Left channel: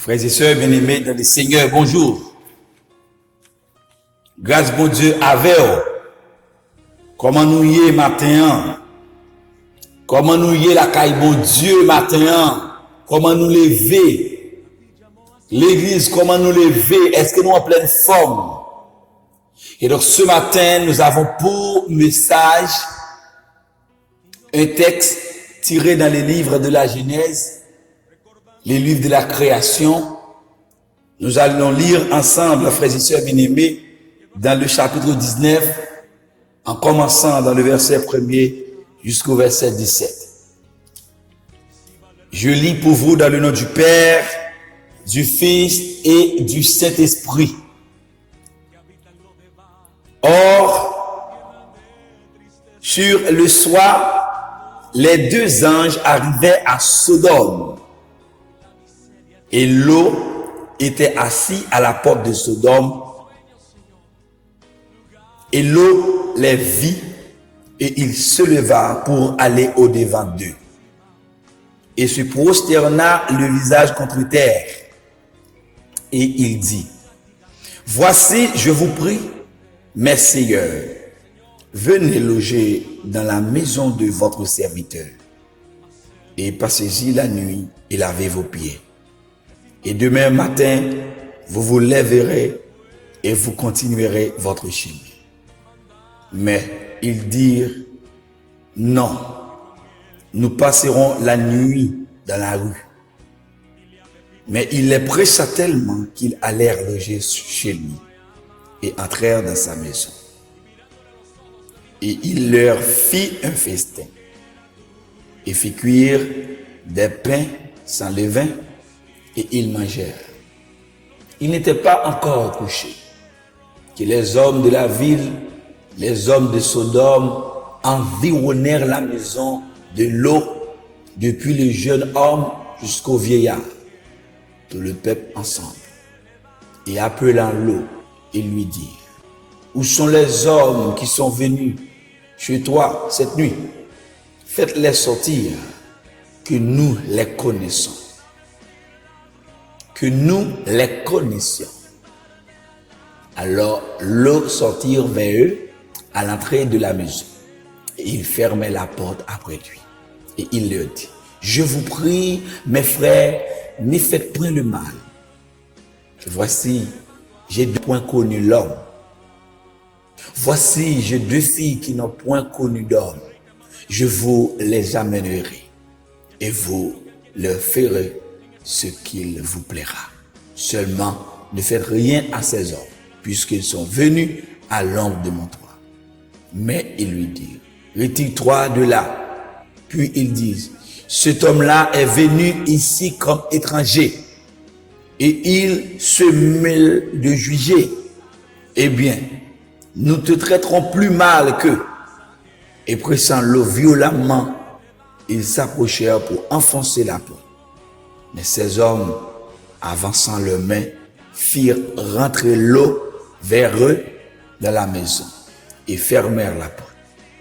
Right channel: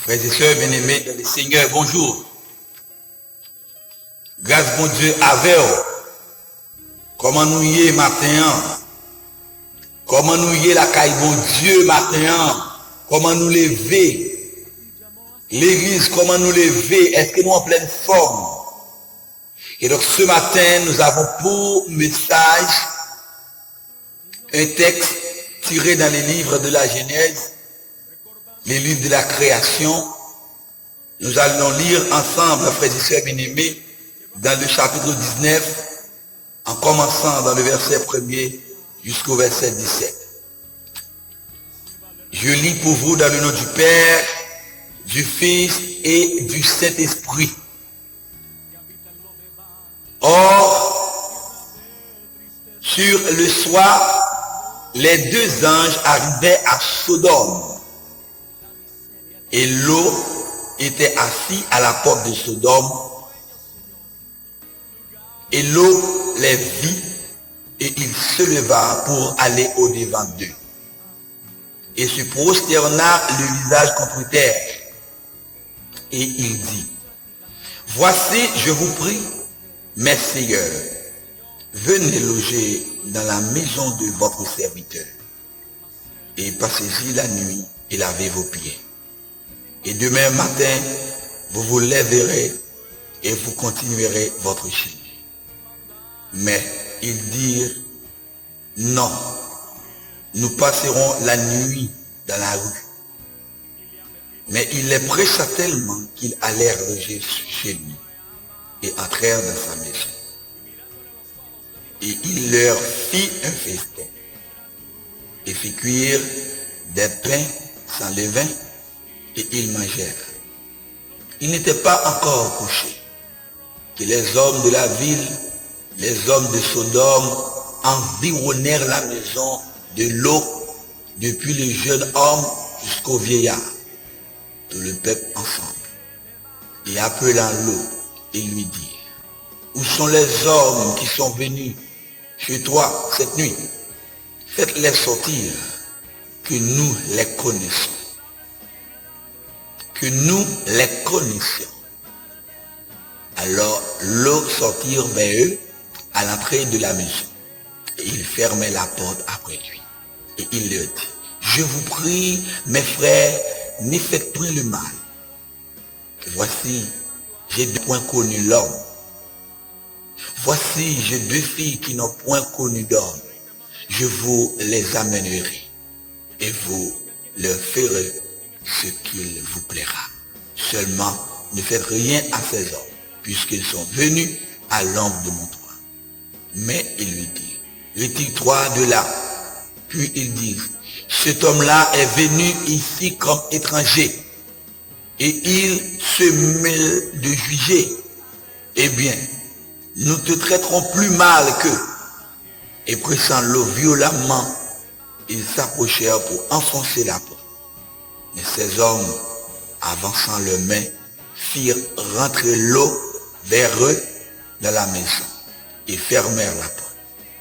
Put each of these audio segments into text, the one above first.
Frères et sœurs bien-aimés dans le Seigneur, bonjour. Grâce bon Dieu avec vous. Comment nous y est matin? Comment nous y est la caille bon Dieu matin? Comment nous lever? L'église, comment nous lever? Est-ce que nous en pleine forme? Et donc ce matin, nous avons pour message un texte tiré dans les livres de la Genèse, les livres de la création. Nous allons lire ensemble, frères et sœurs bien-aimés, dans le chapitre 19, en commençant dans le verset 1er jusqu'au verset 17. Je lis pour vous dans le nom du Père, du Fils et du Saint-Esprit. Or, sur le soir, les deux anges arrivaient à Sodome, et Lot était assis à la porte de Sodome, et Lot les vit, et il se leva pour aller au-devant d'eux, et se prosterna le visage contre terre, et il dit: Voici, je vous prie, mes seigneurs, venez loger dans la maison de votre serviteur, et passez-y la nuit et lavez vos pieds. Et demain matin, vous vous lèverez et vous continuerez votre chemin. Mais ils dirent: Non, nous passerons la nuit dans la rue. Mais il les pressa tellement qu'ils allèrent loger chez lui et entrèrent dans sa maison. Et il leur fit un festin et fit cuire des pains sans levain, et ils mangèrent. Ils n'étaient pas encore couchés que les hommes de la ville, les hommes de Sodome, environnèrent la maison de Lot, depuis le jeune homme jusqu'au vieillard, tout le peuple ensemble. Et appelant Lot, ils lui dirent: Où sont les hommes qui sont venus chez toi cette nuit? Faites-les sortir, que nous les connaissons. Que nous les connaissions. Alors Lot sortirent vers eux à l'entrée de la maison, et il fermait la porte après lui. Et il leur dit: Je vous prie, mes frères, ne faites point le mal. Voici, j'ai deux point connu l'homme. Voici, j'ai deux filles qui n'ont point connu d'homme. Je vous les amènerai, et vous leur ferez ce qu'il vous plaira. Seulement, ne faites rien à ces hommes, puisqu'ils sont venus à l'ombre de mon toit. Mais il lui dit: Retire-toi de là. Puis ils disent: Cet homme-là est venu ici comme étranger, et il se mêle de juger. Eh bien, nous te traiterons plus mal qu'eux. Et pressant Lot violemment, ils s'approchèrent pour enfoncer la porte. Mais ces hommes, avançant leurs mains, firent rentrer Lot vers eux dans la maison et fermèrent la porte.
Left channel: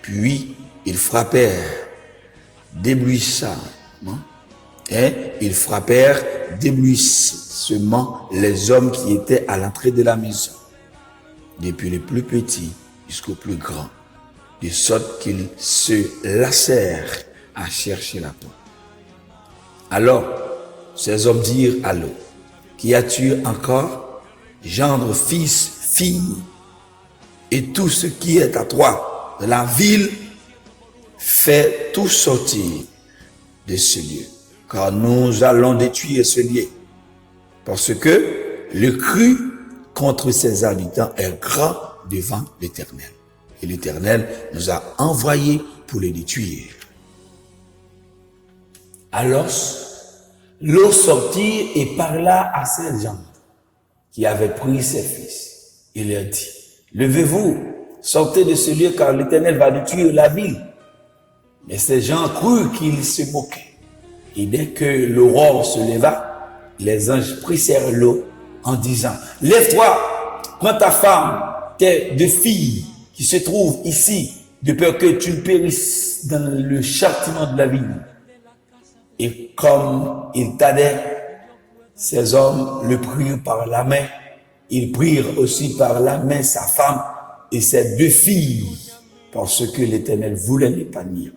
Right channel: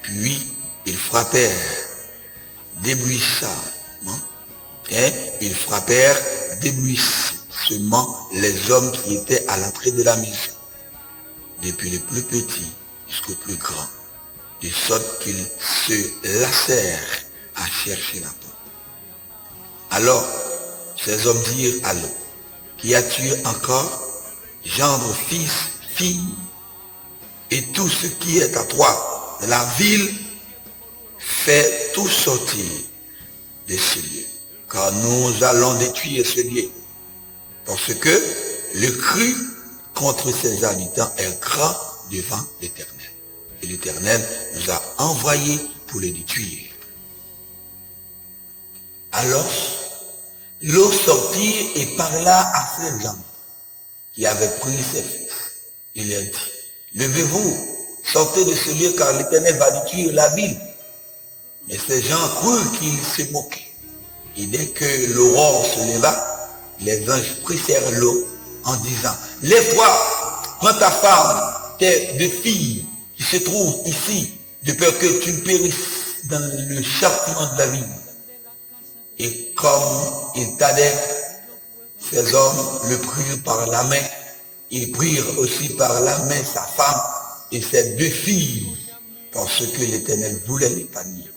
Puis ils frappèrent débouissamment, les hommes qui étaient à l'entrée de la maison, depuis le plus petit jusqu'au plus grand, de sorte qu'ils se lassèrent à chercher la porte. Alors ces hommes dirent à Lot: Qui as-tu encore? Gendre, fils, fille, et tout ce qui est à toi de la ville, fais tout sortir de ce lieu, car nous allons détruire ce lieu, parce que le cri contre ses habitants est grand devant l'Éternel. Et l'Éternel nous a envoyés pour les détruire. Alors, Lot sortit et parla à ces gens qui avaient pris ses fils. Il leur dit: Levez-vous, sortez de ce lieu, car l'Éternel va détruire la ville. Mais ces gens crurent qu'il se moquait. Et dès que l'aurore se leva, les anges pressèrent Lot en disant: Lève-toi, prends ta femme, tes deux filles qui se trouvent ici, de peur que tu périsses dans le châtiment de la ville. Et comme il tardait Ces hommes le prirent par la main. Ils prirent aussi par la main sa femme et ses 2 filles, parce que l'Éternel voulait l'épargner.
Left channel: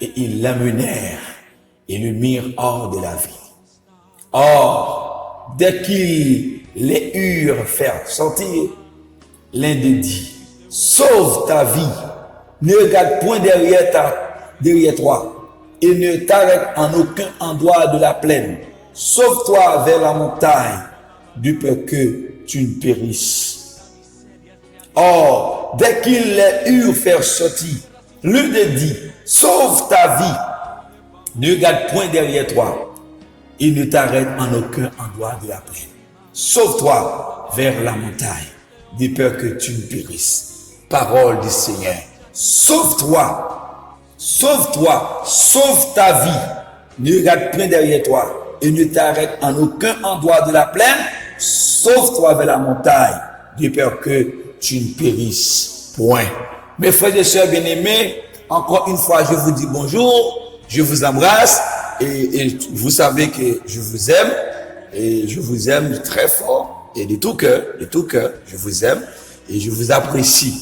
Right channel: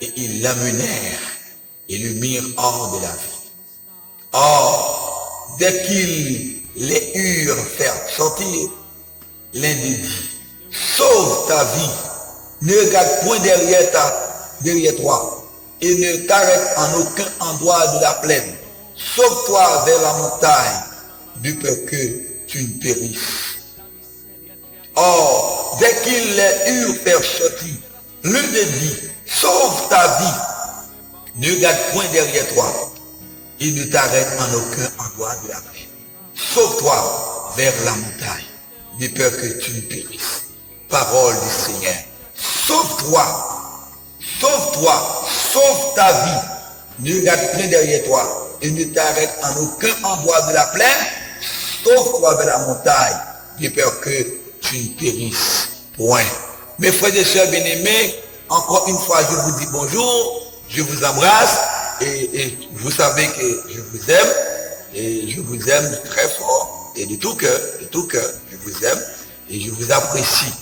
Et ils l'amenèrent et le mirent hors de la ville. Or, dès qu'ils les eurent fait sortir, l'un d'eux dit, sauve ta vie, ne regarde point derrière toi, et ne t'arrête en aucun endroit de la plaine. Sauve-toi vers la montagne, de peur que tu ne périsses. Or, dès qu'ils les eurent fait sortir, l'un d'eux dit, sauve ta vie, ne regarde point derrière toi, et ne t'arrête en aucun endroit de la plaine. Sauve-toi vers la montagne, de peur que tu ne périsses. Parole du Seigneur. Sauve-toi, sauve-toi, sauve ta vie. Ne regarde point derrière toi et ne t'arrête en aucun endroit de la plaine. Sauve-toi vers la montagne, de peur que tu ne périsses point. Mes frères et sœurs bien-aimés, encore une fois, je vous dis bonjour, je vous embrasse et vous savez que je vous aime et je vous aime très fort et de tout cœur, je vous aime et je vous apprécie.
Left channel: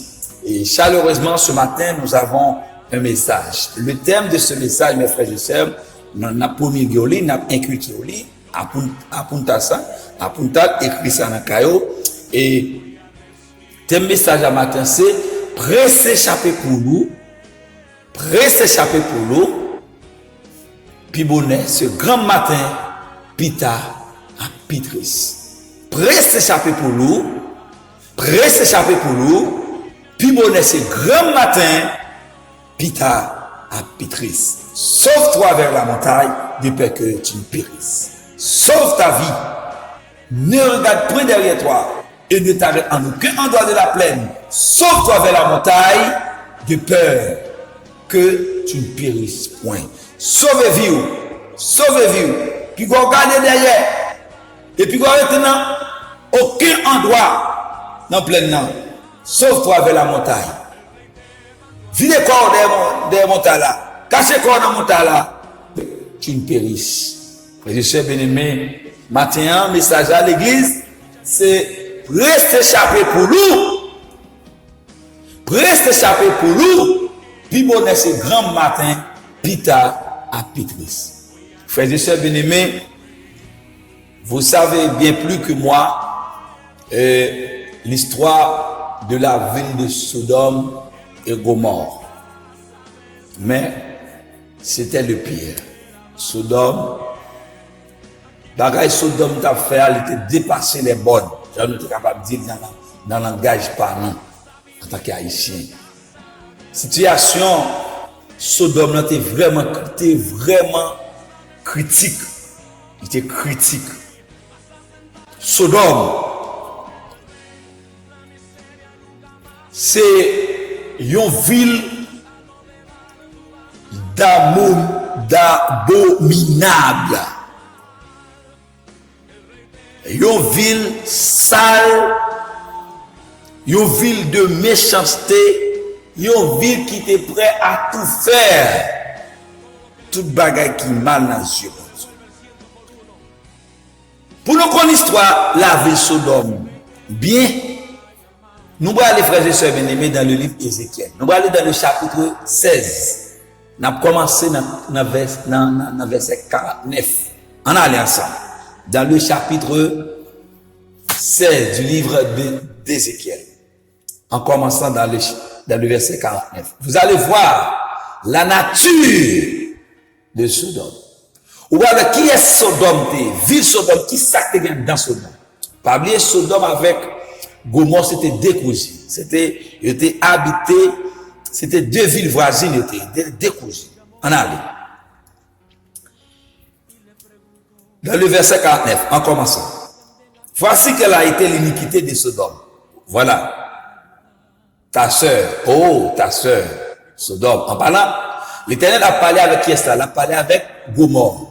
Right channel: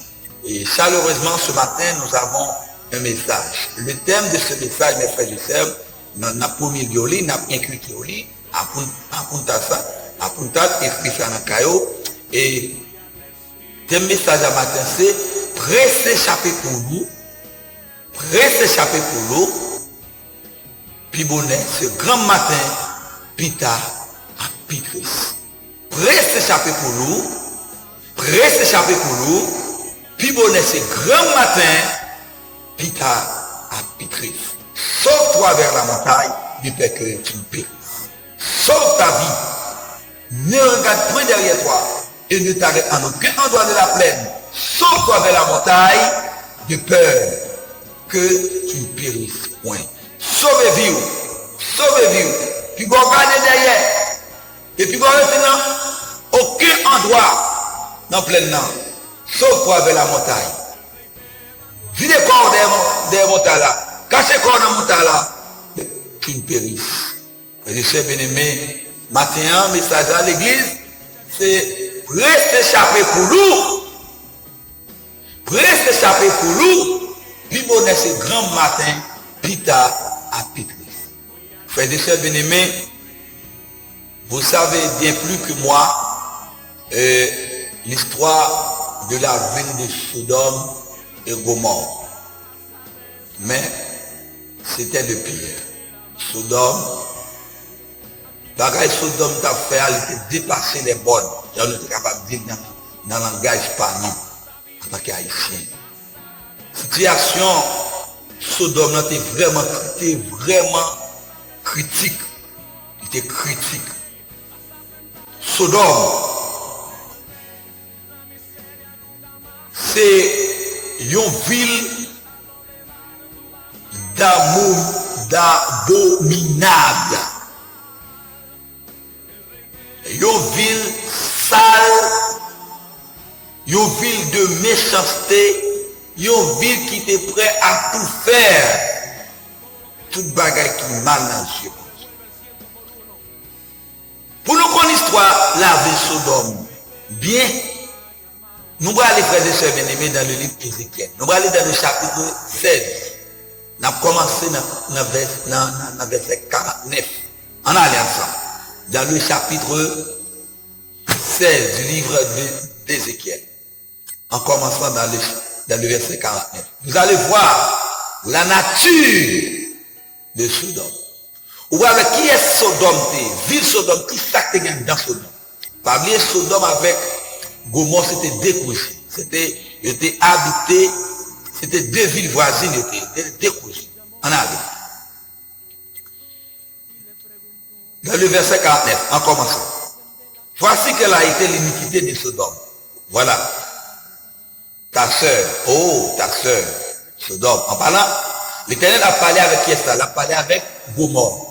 Et chaleureusement, ce matin, nous avons un message. Le thème de ce message, mes frères et sœurs, n'a pas mis de lit, n'a pas inculqué au lit, à punta écrit ça dans caillou. Et thème message à matin, c'est presse échapper pour nous, puis bonnet, ce grand matin, pita à Pitris. Presse échapper pour nous, puis bonnet, ce grand matin, pita à Pitris. Sauve-toi vers la montagne, de peur que tu ne périsses. Sauve ta vie. Ne regarde point derrière toi et ne t'arrête en aucun endroit de la plaine. Sauve-toi vers la montagne, de peur que tu ne périsses point. Sauvez-vous. Puis vous regardez derrière. Et puis vous regardez dans aucun endroit dans la plaine. Sauve-toi vers la montagne. Vide corps derrière montagne là. Cachez corps dans montagne là. Tu ne périsses. Frères et sœurs bien-aimés, matin, message à l'église, c'est reste échappé pour nous. Puis bon, ce grand matin, pita à Pitris. Frères et sœurs bien-aimés, vous savez bien plus que moi l'histoire de la ville de Sodome et Gomorrhe. Mais c'était le pire. Sodome, bagaille Sodome t'a fait, elle était dépassé les bornes. J'en étais capable de dire dans le langage parlant en tant qu'haïtien. Situation Sodome était vraiment critique. Il était critique. Sodome, c'est une ville d'abominable. Une ville sale, une ville de méchanceté, une ville qui était prêt à tout faire. Toute bagaille qui mal dans les yeux. Pour nous connaître l'histoire, la ville Sodome, bien, nous allons aller, frères et sœurs bien-aimés, dans le livre d'Ézéchiel. Nous allons aller dans le chapitre 16. Nous avons commencé dans le verset 49. On allait ensemble. Dans le chapitre 16 du livre d'Ézéchiel. En commençant dans le verset 49. Vous allez voir la nature de Sodome. Ou avec qui est Sodome, ville Sodome, qui s'acte dans Sodome. Parmi Sodome avec Gomorrhe, c'était décousu. C'était habité, c'était 2 villes voisines, c'était décousu. On a vu. Dans le verset 49, en commençant. Voici quelle a été l'iniquité de Sodome. Voilà. Ta sœur, Sodome. En parlant, l'Éternel a parlé avec qui est ça? Il a parlé avec Gomorrhe.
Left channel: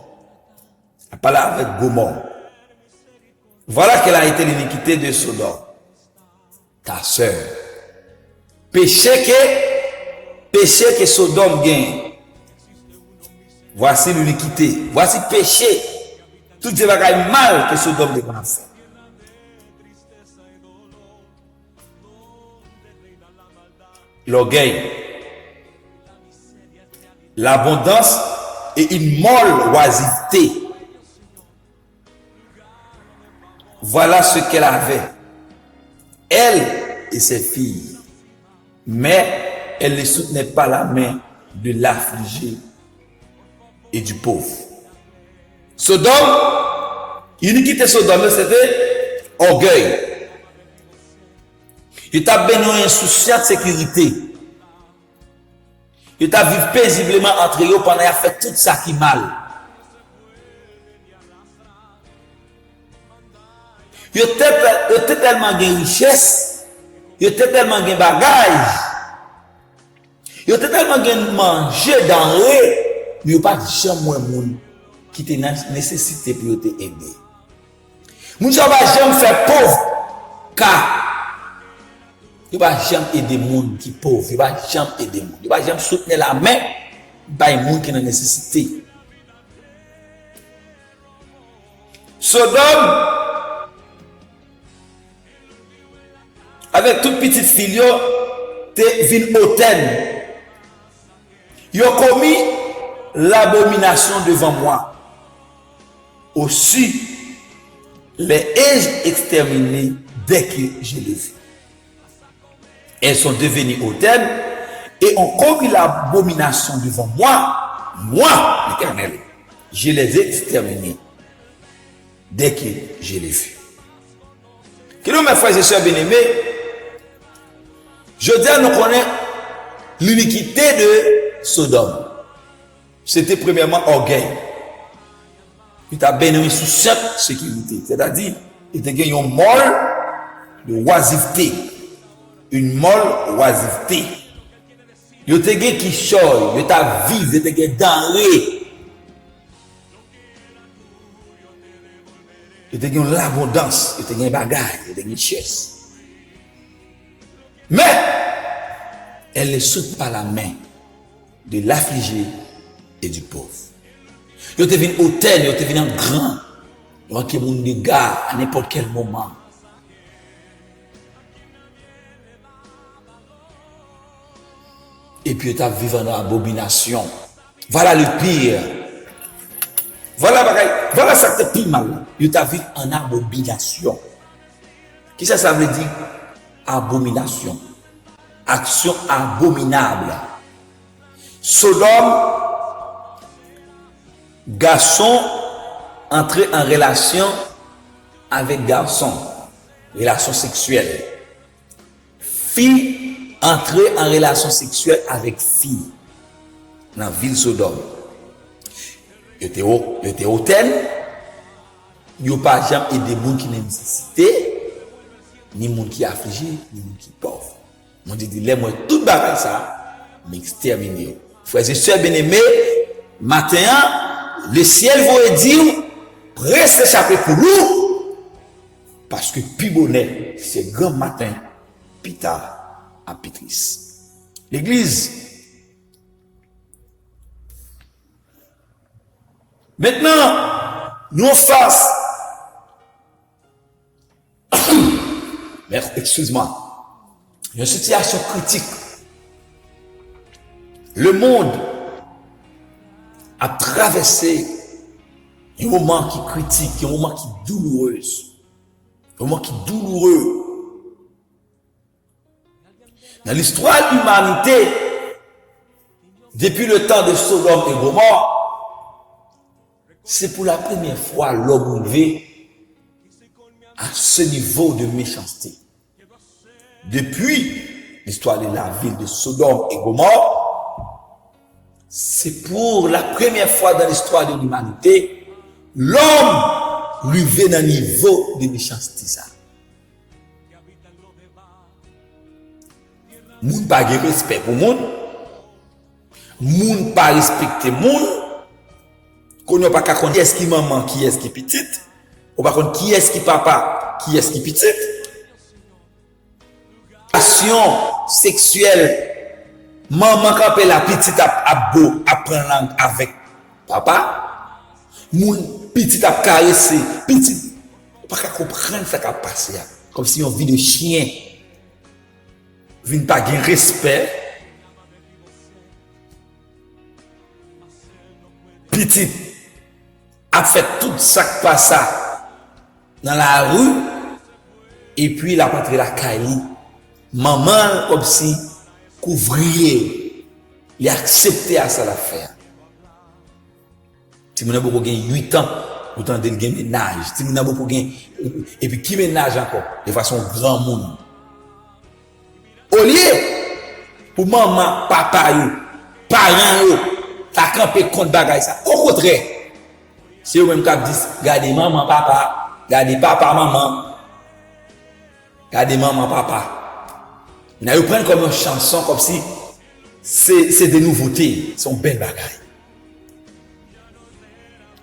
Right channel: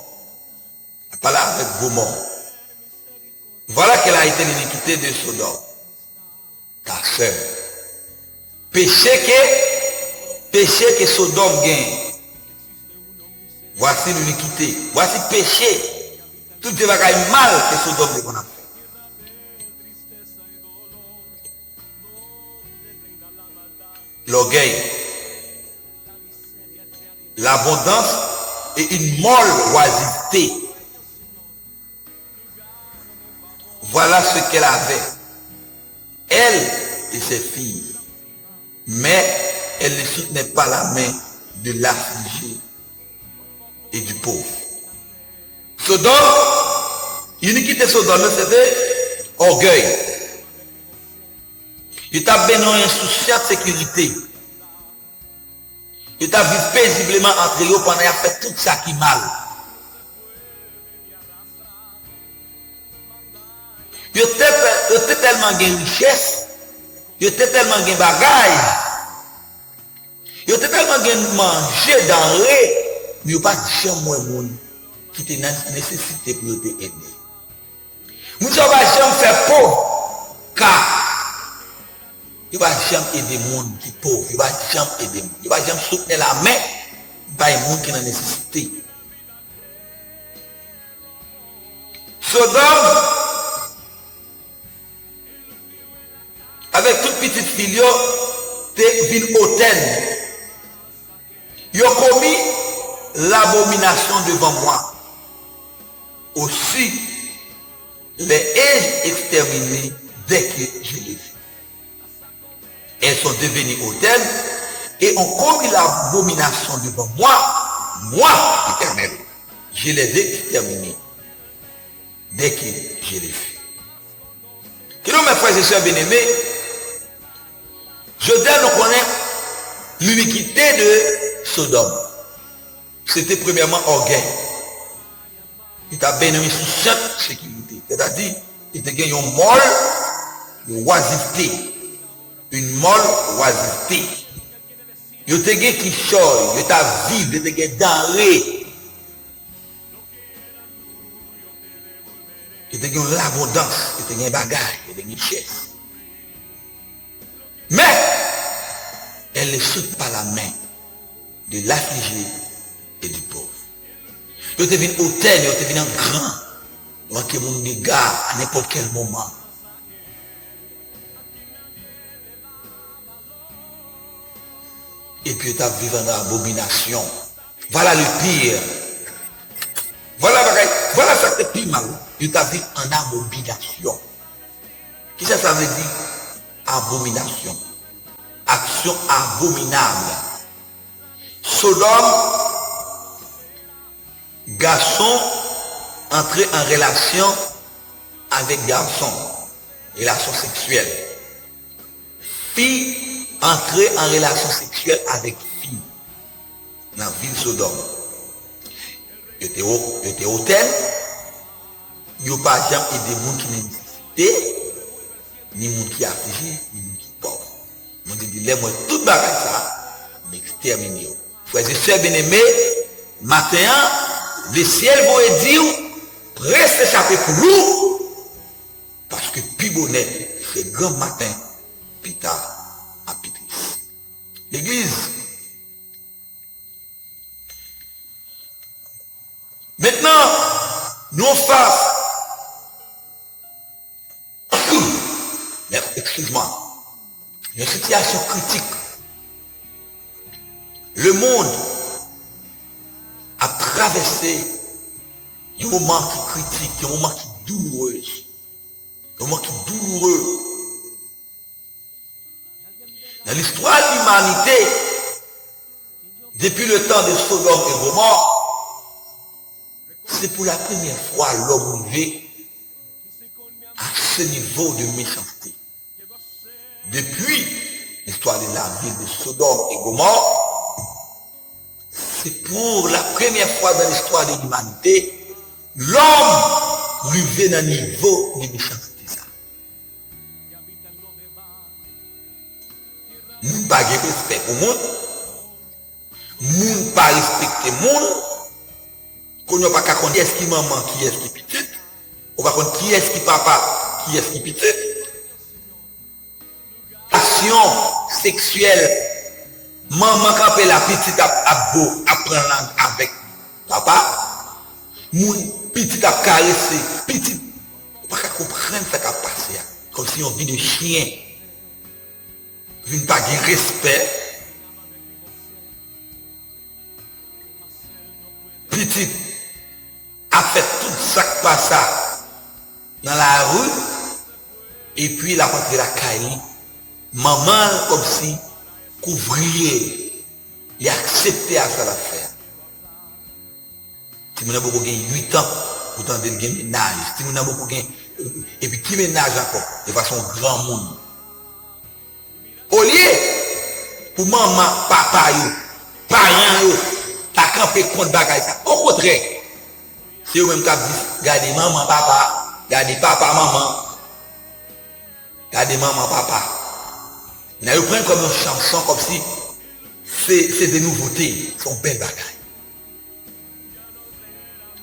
Voilà quelle a été l'iniquité de Sodome. Ta sœur. Péché que Sodome gagne. Voici l'iniquité. Voici péché Toutes ces bagailles mal que Sodome de qu'on a fait. L'orgueil, l'abondance et une molle oisiveté. Voilà ce qu'elle avait, elle et ses filles. Mais elle ne soutenait pas la main de l'affligé et du pauvre. Sodome, l'uniquité Sodome, c'était orgueil. Il t'a béni en souciant de sécurité. Il t'a vécu paisiblement entre eux pendant qu'il a fait tout ça qui mal. Il était tellement de richesse, il était tellement de bagages, il était tellement de manger denrées, mais il n'y a pas de jamais monde qui était nécessité pour t'aider. Nous ne sommes pas jamais faire pauvre, car il ne va jamais aider les gens qui sont pauvres, il ne va jamais aider les gens, il ne va jamais soutenir la main par les gens qui ont nécessité. Sodome, avec toute petite fille, t'es ville hautaine. Ils ont commis l'abomination devant moi. Aussi, les ai-je exterminés dès que je les ai. Elles sont devenues hautaines et ont commis l'abomination devant moi, moi, l'Éternel. Je les ai exterminés dès que je les ai. Quels mes frères et sœurs bien-aimés, je dis à nous connaître l'iniquité de Sodome. C'était premièrement orgueil. Il t'a béni sous cette sécurité. C'est-à-dire, il t'a gagné une molle de oisiveté. Une molle oisiveté. Il t'a gagné qui choye, il t'a vivre, il t'a gagné denrée. Il t'a gagné l'abondance, il t'a gagné bagage, il t'a gagné richesse. Mais, elle ne saute pas la main de l'affligé et du pauvre. Il devient hôtel, il devient grand. Donc, il y a des dégâts à n'importe quel moment. Et puis, tu as vécu dans l'abomination. Voilà le pire. Voilà ça qui pire mal. Tu as vécu en abomination. Qu'est-ce que ça veut dire? Abomination. Action abominable. Sodome, garçon entré en relation avec garçon, relation sexuelle. Fille entrée en relation sexuelle avec fille dans la ville Sodome. Il était hôtel, il n'y a pas jamais aidé des gens qui n'ont nécessité, ni des gens qui affligés, ni des gens qui pauvres. On dit, moi, tout bagage ça, m'exterminer. Frères et sœurs bien-aimés, matin, le ciel va dire, restez échappé pour nous, parce que plus bonnet, c'est grand matin, plus tard, à Pitris. L'église. Maintenant, nous face, excuse-moi, une situation critique. Le monde a traversé un moment qui critique, un moment qui est douloureux. Un moment qui est douloureux. Dans l'histoire de l'humanité, depuis le temps de Sodome et Gomorrhe, c'est pour la première fois l'homme levé à ce niveau de méchanceté. Depuis l'histoire de la ville de Sodome et Gomorrhe, c'est pour la première fois dans l'histoire de l'humanité, l'homme levé dans un niveau de méchanceté. Moun pas de respect pour moun, moun pas respecter moun, qu'on n'a pas qu'à connaître qui est-ce qui maman, qui est-ce qui petite, on va connaître qui est-ce qui papa, qui est-ce qui petite. Action sexuelle, maman quand la petite a beau apprendre langue avec papa, moun petit a caressé, petit, pas qu'à comprendre ce qui a passé. Comme si on vit de chien. Vient pas de respect. Petit a fait tout ça qui passe dans la rue. Et puis il a rentré la caille. Maman, comme si, couvrier, il a accepté à ça l'affaire. Si mon a beaucoup gagné 8 ans, autant de gagner ménage. Si mon a beaucoup gagné, et puis qui ménage encore, de façon grand monde. Au lieu, pour maman, papa, parents, t'as campé contre bagaille ça. Au contraire, c'est eux-mêmes qui disent, regardez maman, papa, regardez papa, maman, regardez maman, papa. Ils prennent comme une chanson, comme si c'est des nouveautés, sont belles bagailles.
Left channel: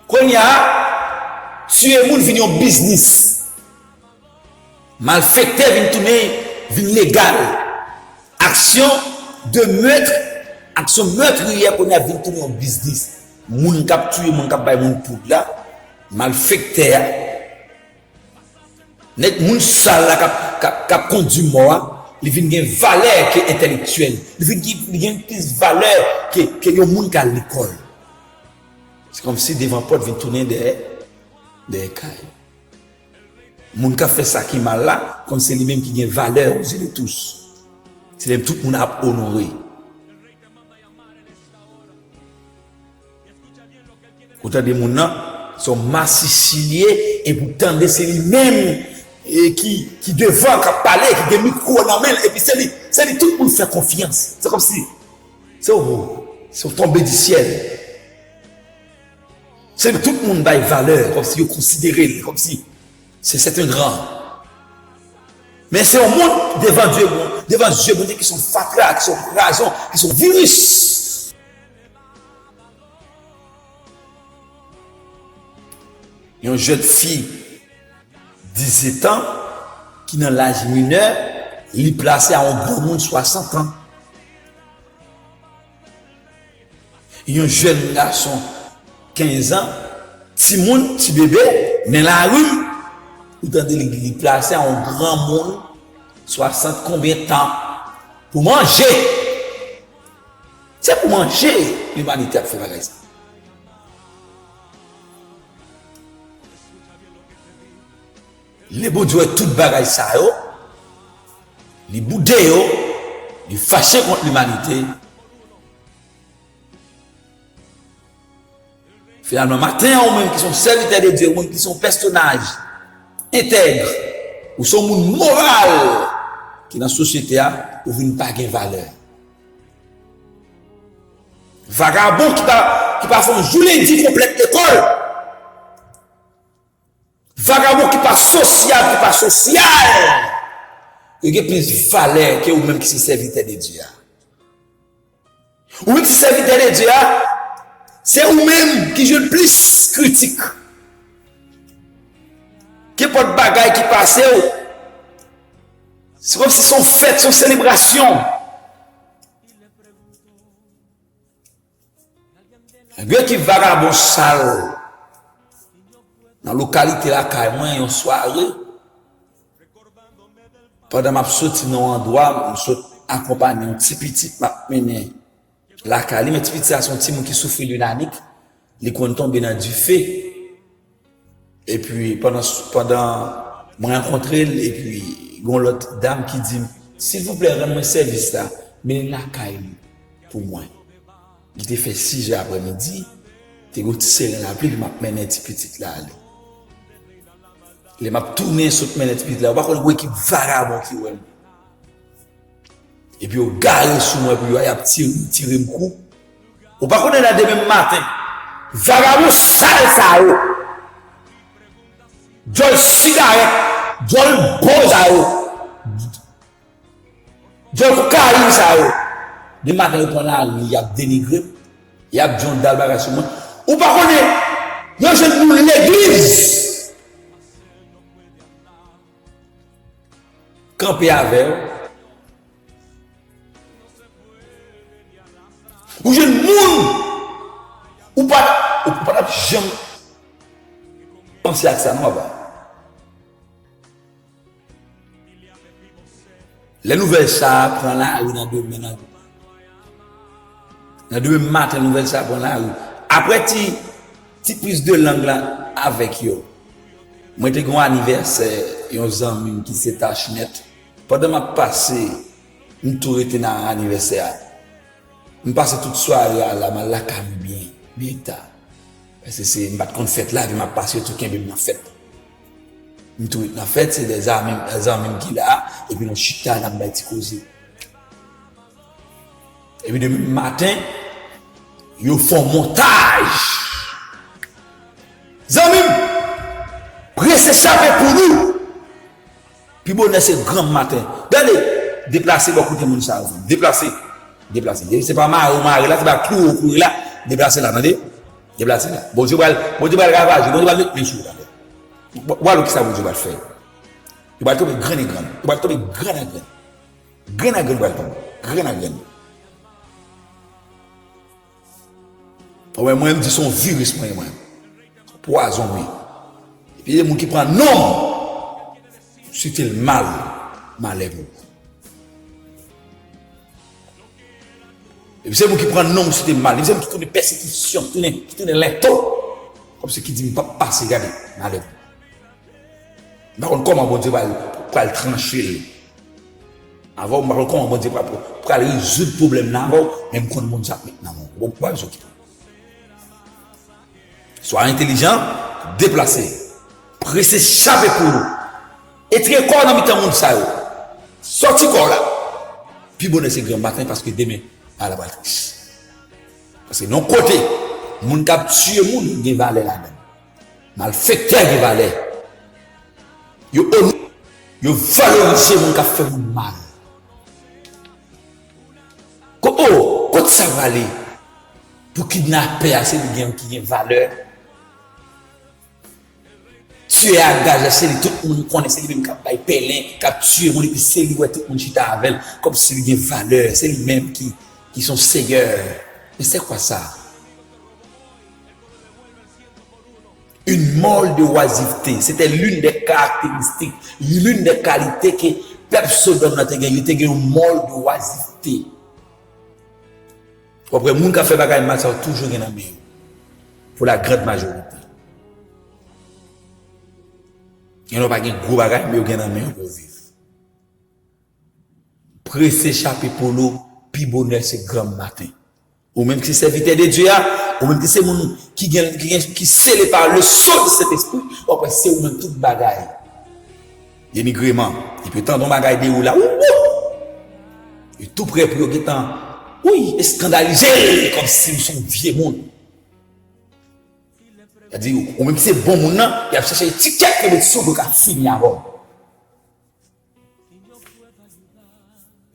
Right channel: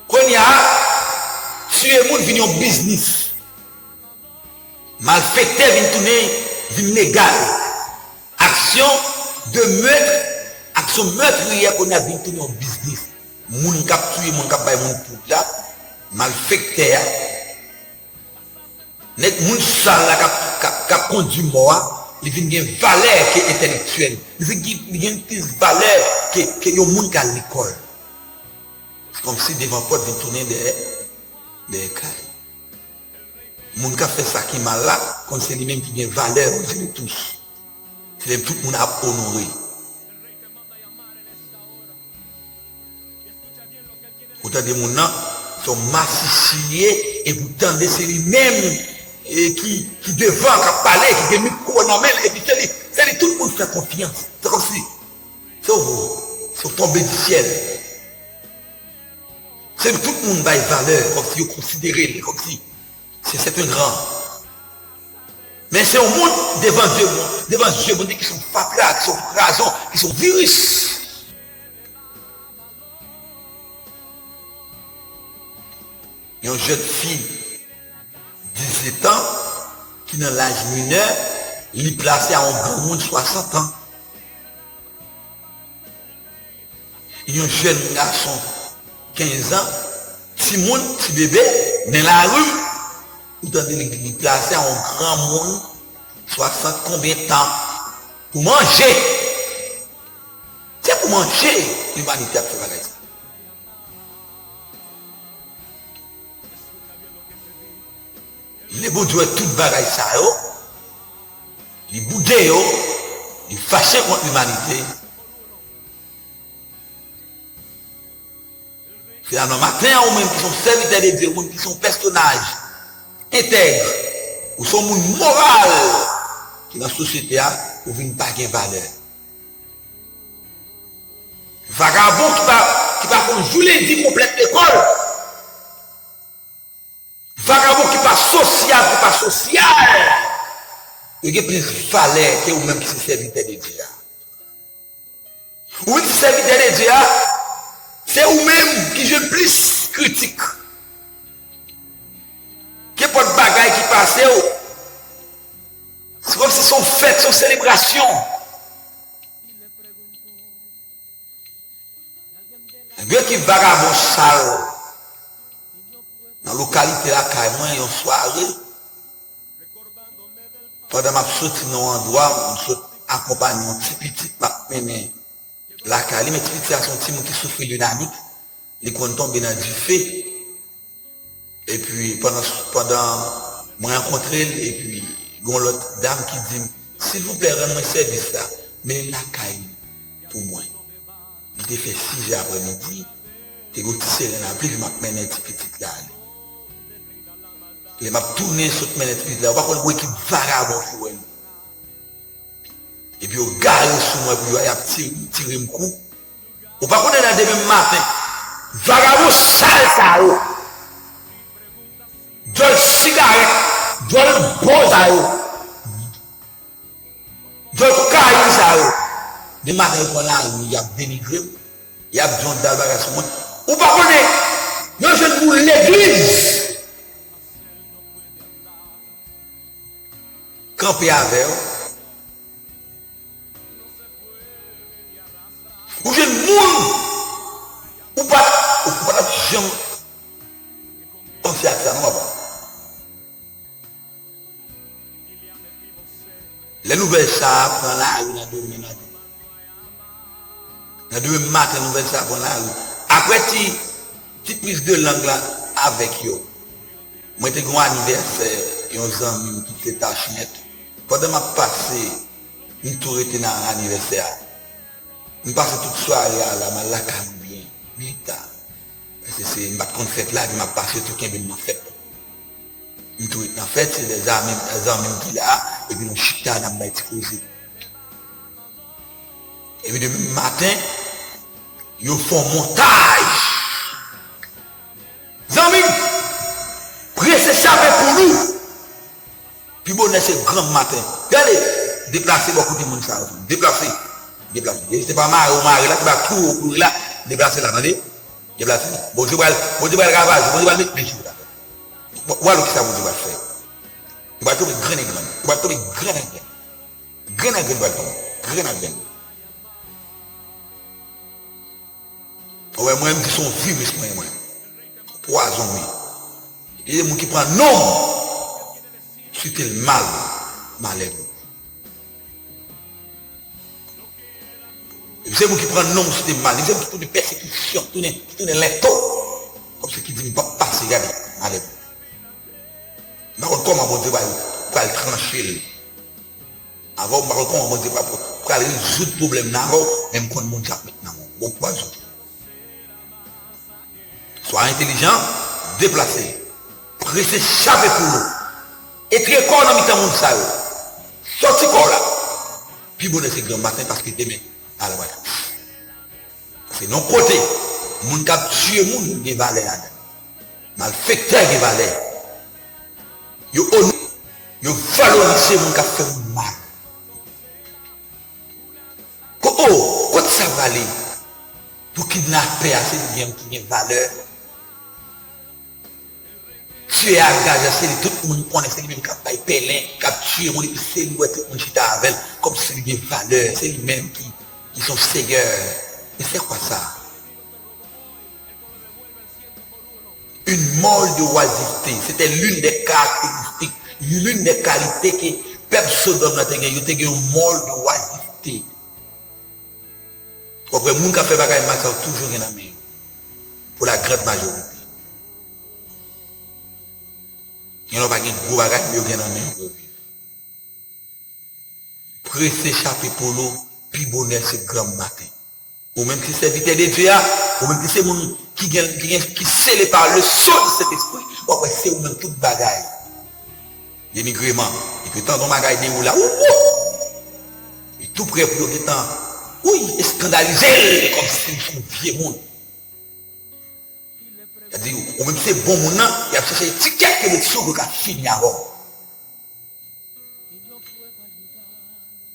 Quand il y a, tuer les gens viennent en business. Malfaiteur vient tourner, vient légal. Action de meurtre, action meurtrière qu'on a vient tourner en business. Moun kap tuer, moun kap bay moun pour là, malfaiteur. Net moun sale là kap conduit mort, il vient une valeur qui est intellectuelle. Il vient une plus valeur que le moun qui à l'école. C'est comme si devant porte vient tourner des carrés. Moun qui a fait ça qui mal là, comme c'est lui-même qui a valeur aux yeux de tous. C'est tout le monde a honoré. Autant de gens sont massiciliés et pourtant c'est lui-même qui devant, qui parler, qui a des micros dans la main, et puis c'est lui tout le monde fait confiance. C'est comme si c'est tombé du ciel. C'est tout le monde a une valeur, comme si vous considérez, comme si c'est un grand. Mais c'est au monde devant Dieu, qui sont fatras, qui sont raisons, qui sont virus. Il y a une jeune fille, 17 ans, qui est dans l'âge mineur, il est placé à un bon monde 60 ans. Il y a un jeune garçon, 15 ans, petit monde, petit bébé, dans la rue, il est placé à un grand monde, 60 combien de temps, pour manger. C'est pour manger, l'humanité a fait la raison. Les bon Dieu tout bagaille ça, les boudés, les fâchés contre l'humanité. Finalement, matin, ou même qui sont serviteurs de Dieu, ou qui sont personnages intègres, ou sont monde moral, qui dans la société a, ou viennent pas de valeur. Vagabond qui va faire un journée complète l'école. Vagabond qui pas social, il y a plus de valeur que vous-même qui sont serviteurs de Dieu. Ou qui sont serviteurs de Dieu, c'est vous-même qui jouez plus critique. Qui pas de bagaille qui passe, c'est comme si son fête, son célébration. Et bien qui vagabond sale. Dans la localité là, carrément, il y a une soirée. Pendant que je sorti dans un endroit, je suis accompagné un petit petit, la Cali, mais petit petit à son petit qui souffre dynamique, les comptes tombent dans du feu. Et puis, pendant, je rencontré, et puis, il y a l'autre dame qui dit, s'il vous plaît, rendez-moi service là, mais la Cali, pour moi. Il était fait 6 heures après-midi, il était serré dans la pluie, il m'a mené un petit petit là. Il m'a tourné sur le petit là, on va voir qui vagabond qui est. Et puis, on garde sur moi, puis il a tiré un coup. On va connaître là demain matin. Vagabond sale ça, Joel cigarette, Joel boza, Joel cocaïne ça, demain matin, on prend la rue, il y a dénigré, il y a John Dalbaga sur moi. On va connaître, je suis pour l'église. Camper avec ou j'ai monde ou pas jamais Les nouvelles ça prend la rue dans deux minutes. Il y a deux matins nouvelles ça prend la rue. Après ti prise de langue là avec yo. Moi j'ai un anniversaire, un ami qui s'est tachinette. Pendant ma passé, une tour était dans l'anniversaire. Je passe toute soirée là, je la calme bien tard. Parce que c'est une fête là, je m'a passé tout le temps dans fête. En fait, c'est des amis qui là, et puis on chita dans la petite cause. Et puis demain matin, ils font montage. Amis, pressez ça pour nous. Puis bon, c'est grand matin. Regardez, déplacer beaucoup de monde ça. Déplacer. C'est pas marre là, tu vas tout là, déplacer là, attendez. Déplacer là. Bon Dieu va le ravage, bon Dieu va le mettre bien sûr là. Voilà ce que ça vous va faire. Il va tomber grand et grand. Il va tomber grand et grand. Grand et grand. Ouais, moi, je suis un virus, moi. Poison, oui. Et les gens qui prennent non, c'était le malheur. Et c'est moi qui prends nom, c'était mal. Les gens qui font des persécutions, qui tournent les taux, comme ceux qui disent pas passer, regardez, malheur. Mais comment on va le trancher? Avant, comment on va résoudre le problème, même quand on va maintenant. Bon, quoi, sois intelligent, déplacé, pressé chaper pour nous. Et très corps dans le monde, ça. Sorti corps là. Puis bon, c'est grand matin parce que demain, à la base. Parce que non côté, moun k'ap tué moun des valeurs là. Malfaiteur des valeurs. Yo valoriser moun k'ap fait mal. Quand ça va aller pour kidnapper assez de bien qui a valeur. Tu es engagé, c'est tout le monde connaît, c'est lui-même qui a payé, qui a tué, c'est lui tout le monde chita avec, comme si il y a une valeur, c'est lui-même qui sont seigneurs. Mais c'est quoi ça? Une mort de oisiveté, c'était l'une des caractéristiques, l'une des qualités que personne dans notre pays, il y a une mort de oisiveté. Après, les gens qui ont fait des choses, sont toujours en main, pour la grande majorité. Il n'y a pas de gros bagages, mais il y a des main pour vivre. Pressez chaper pour nous, puis bonheur c'est grand matin. Ou même si c'est serviteur de Dieu, ou même si c'est mon qui scellé par le sceau de cet esprit, après c'est ou même tout bagaille. L'émigrement, il peut tendre bagaille de ou là, et tout prêt pour le temps, oui, scandalisé, comme s'ils sont vieux monde. C'est-à-dire, ou même si c'est bon monde, il a cherché ticket que le sceau a fini avant.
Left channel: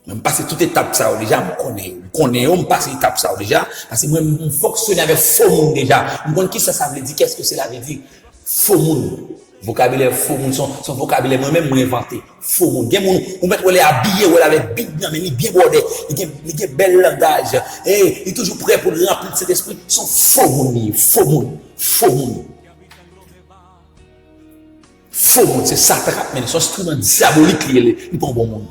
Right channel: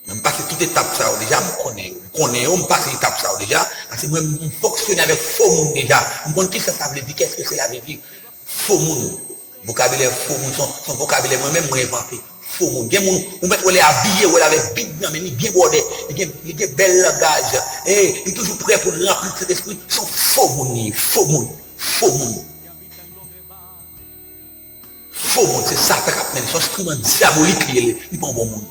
Même passer toute étape ça déjà, on passe étape ça déjà, parce que moi, je fonctionne avec faux monde déjà. Je me dis ça veut dire, qu'est-ce que ça veut dire? Faux monde. Vocabulaire faux monde, son vocabulaire moi-même, moi inventé. Faux monde. Bien monde, on met les habillé, ou avec big, mais il bien bordé, il a bel langage, et il est toujours prêt pour remplir cet esprit. Son faux monde, faux monde. Faux monde, c'est ça qui a mené son instrument diabolique, il n'est pas un bon monde.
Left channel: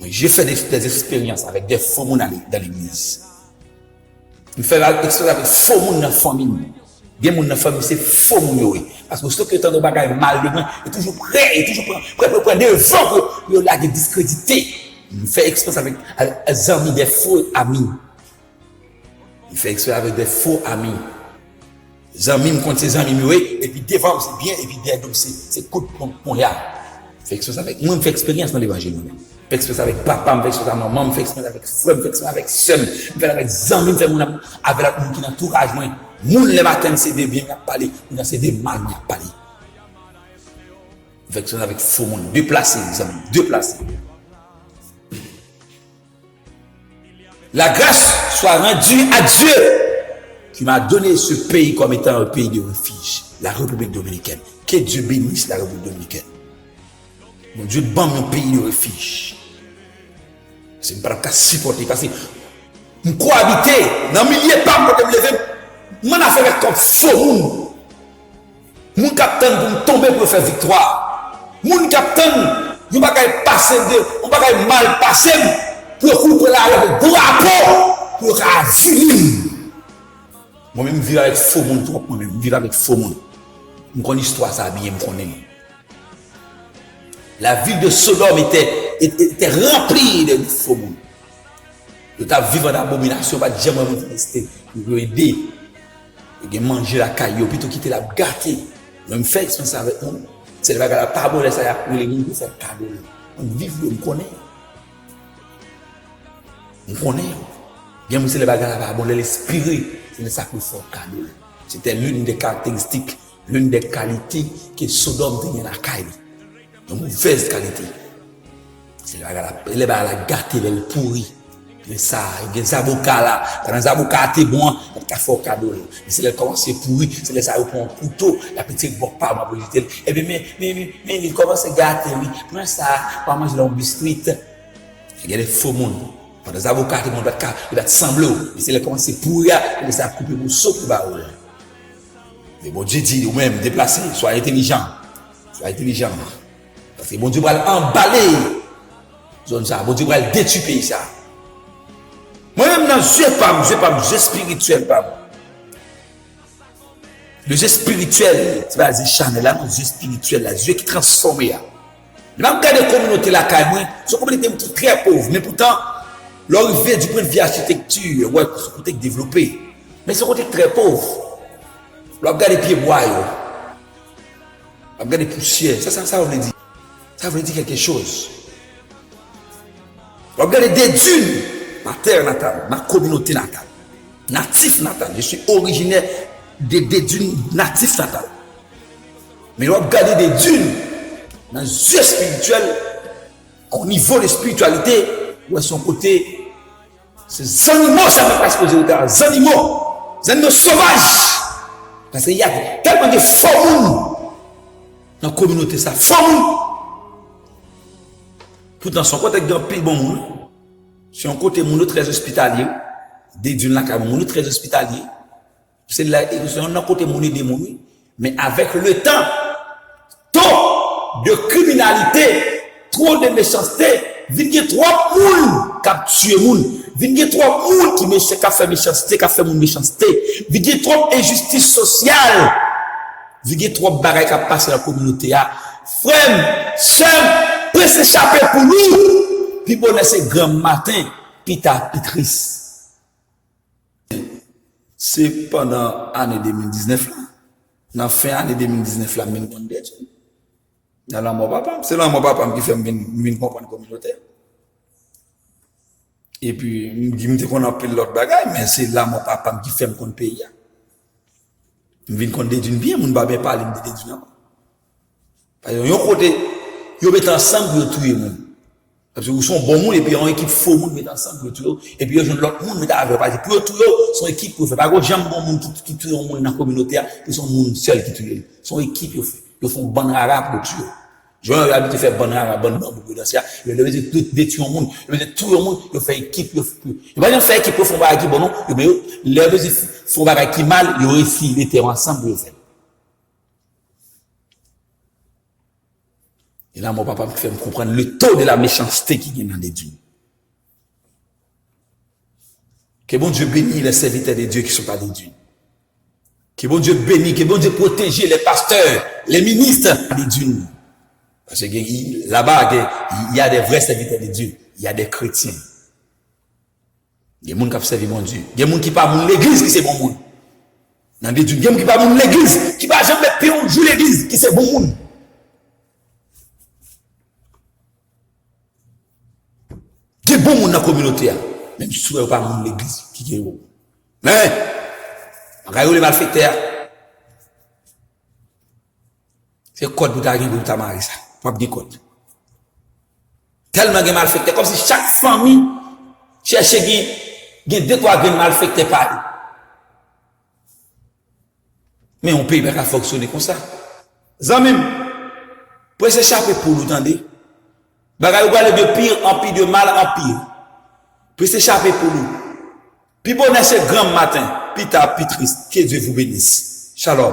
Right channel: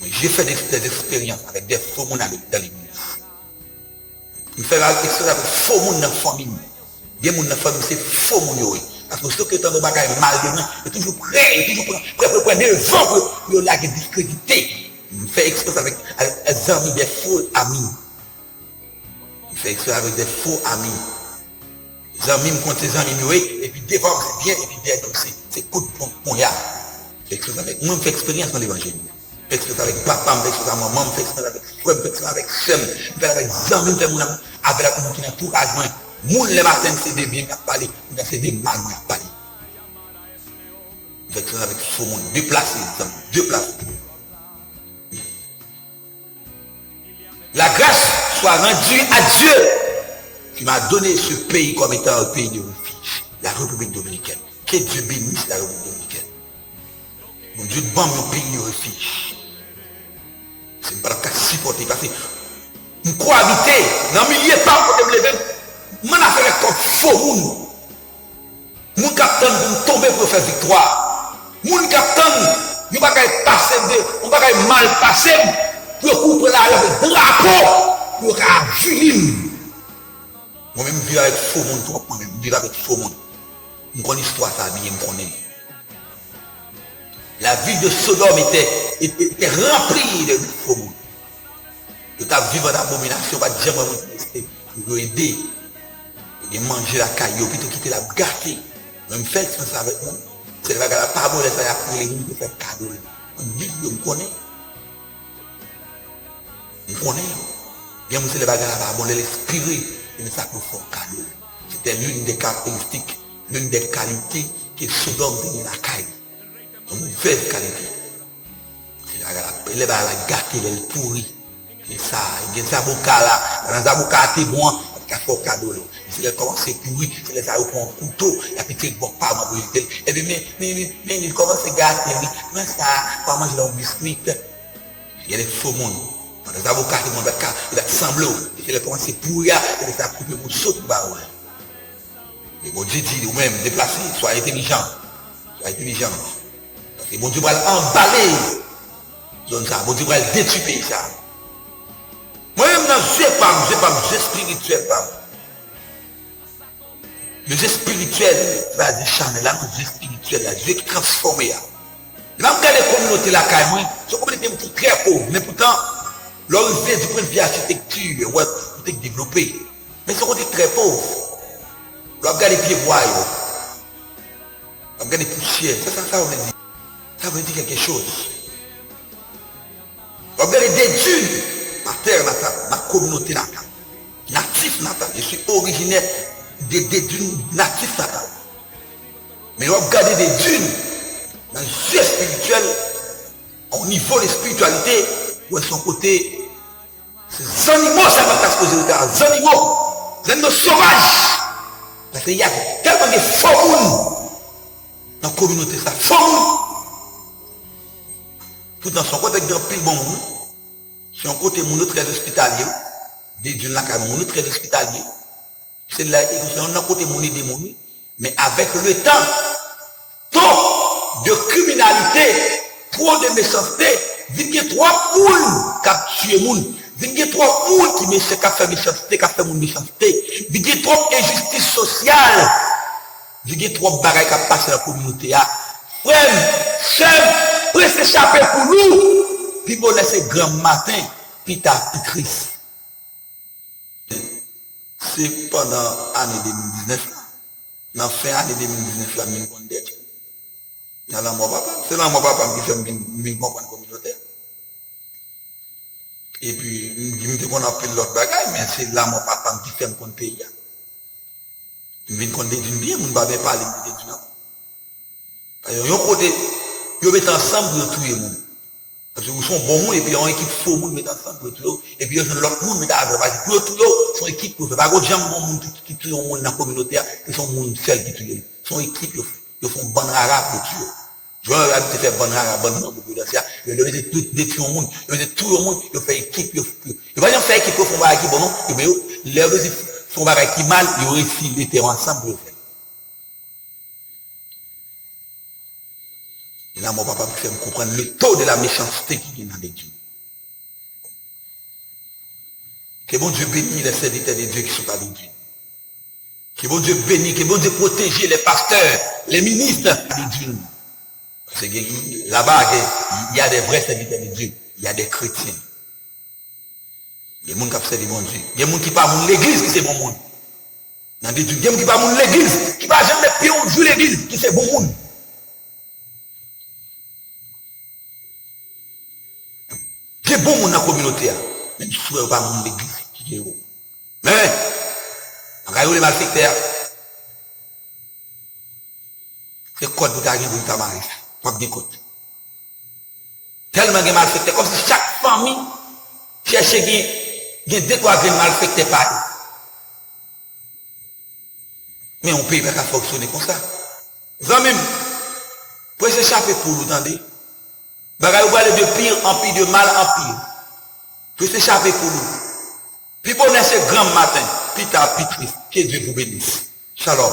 J'ai fait des expériences avec des faux monde dans l'église. Je fais des expériences avec faux monde dans la famille. Des gens dans la famille, c'est faux monde. Parce que ce que tu as de mal de moi, il est toujours prêt pour prendre le vent pour la discréditer. Je fais expérience avec des amis, des faux amis. Je fais expérience avec des faux amis. Les amis me comptent ses amis, et puis des fois c'est bien, et puis des donc c'est coup de pont. Moi, je fais expérience dans l'évangile. Je fais expérience avec papa, je fais expérience avec maman, je fais expérience avec frère, je fais expérience avec soeur, je fais avec des amis, je fais avec la communauté d'entourage. Moun le matin, c'est des biens à parler, c'est des mal à parler. Je fais expérience avec faux monde, déplacé, les amis, déplacé. La grâce soit rendue à Dieu qui m'a donné ce pays comme étant un pays de refuge, la République dominicaine. Que Dieu bénisse la République dominicaine. Mon Dieu, bon mon pays de refuge. C'est pas le cas supporter parce que nous cohabiter dans le milieu par pour me lever. Mon affaire comme faux moun. Mon capitaine pour tomber pour faire victoire. Mon capitaine Nous ne pouvons pas passer on ne peut pas mal passer pour couper la drapeau pour vivre. Moi-même, je vis avec faux monde, moi-même, je vis avec faux monde. Je connais l'histoire, ça bien, je connais. La ville de Sodome était remplie de faux monde. Tu as vécu en abomination, pas jamais rester pour aider. Et manger la caillou, puis tu quitter la gâter. Même fait ça avec nous. C'est la pardon, ça a créé nous pour faire cadeau. On vit, on connaît. On connaît. Bien, c'est les bagages à pardon, l'esprit, c'est ça qu'il faut cadeau. C'était l'une des caractéristiques, l'une des qualités que Sodome tenait la caille. Une mauvaise qualité. C'est les bagages à gâter, le pourri. Et ça, il y a des avocats là, dans les avocats, c'est bon, il faut cadeau. C'est les commencent à pourrir, c'est les avocats un couteau, la petite ne pas ma volonté. Et puis, mais il commence à gâter, mais ça, pas manger leur biscuit. Il y a des faux monde. Dans les avocats, ils vont sembler, c'est les commencent à pourrir, et ça coupe pour sauter bas. Mais bon Dieu dit, vous-même, déplacez, soyez intelligent. Soyez intelligent. Parce que bon Dieu va emballer. Zone ça, bon Dieu va détruire ça. Moi-même, je n'ai pas, je spirituel. Le jeu spirituel, tu vas dire, Chanel, là, le jeu spirituel, le jeu qui transforme. Là, on regarde les communautés là, c'est une communauté très pauvre, mais pourtant, l'on vient du point de vue architecture, ouais, pour te développer. Mais c'est une communauté très pauvre. On regarde les pieds bois, on regarde les poussières, ça veut dire. Ça veut dire quelque chose. On regarde les dunes. Ma terre natale, ma communauté natale, natif natal. Je suis originaire des dunes natifs natales. Mais on regarde des dunes dans le jeu spirituel, au niveau de spiritualité, où est son côté, ces animaux, ça ne va pas se poser le cas, les animaux sauvages. Parce qu'il y a tellement de formes dans la communauté, ça, formes. Tout dans son côté, avec un pile bon monde. C'est un côté mon très hospitalier, des dunes là, mon très hospitalier. C'est un côté mon démoniaque, mais avec le temps, trop de criminalité, trop de méchanceté, il y a trois moules qui ont tué moun, il y a trois moules qui ont fait méchanceté, qui ont fait méchanceté, il y a trop d'injustice sociale, il y a trop de bagages qui ont passé dans la communauté. Frère, sœur, pour s'échapper pour nous. Puis bon, c'est grand matin, puis t'as Pitris. C'est pendant l'année 2019, dans la fin de l'année 2019, là, même qu'on dit, dans la mon papa, c'est là mon papa qui fait une comprendre communauté. Et puis, il me dit qu'on a pris l'autre bagage, mais c'est là mon papa qui fait un compte pays. Il me dit qu'on dit bien, mon papa parle de Dieu. Parce que, côté, ils mettent ensemble pour tuer les gens. Parce que vous sont bons monde et puis on équipe faux monde mettre ensemble pour tout et puis l'autre monde mettre avec parce que pour tout son équipe pour faire pas gros jambe bon monde qui tue un monde dans la communauté ils sont monde seul qui tue son équipe ils font bon arabe pour tuer je vais habiter faire bon arabe bon monde pour ça ils veulent détruire un monde ils veulent tout le monde ils font équipe ils vont faire équipe pour faire bagarre bon non mais les font bagarre qui mal ils réussissent les terrains ensemble pour faire. Et là, mon papa me fait comprendre le taux de la méchanceté qui vient dans les dieux. Que bon Dieu bénisse les serviteurs de Dieu qui ne sont pas des dieux. Que bon Dieu bénisse, que bon Dieu protège les pasteurs, les ministres des dieux. Parce que là-bas, il y a des vrais serviteurs de Dieu. Il y a des chrétiens. Il y a des gens qui servent mon Dieu. Il y a des gens qui parlent de l'église qui c'est bon monde. Il y a des gens qui parlent de l'église, qui ne parlent jamais de pion de l'église qui c'est bon monde. C'est bon monde dans la communauté. Même si vous ne pas dans l'église qui est bon. Mais, regardez les malfaiteurs. C'est code pour t'arriver pour ta marier ça. Pas de code. Tellement de malfaiteurs. Comme si chaque famille cherchait deux, trois malfaiteurs par eux. Mais on ne peut pas fonctionner comme ça. Zami, pour s'échapper pour vous, attendez. Bagay ou aller de pire en pire, de mal en pire. Pour s'échapper pour nous. Puis bonheur c'est grand matin. Puis t'as puis triste. Que Dieu vous bénisse. Shalom.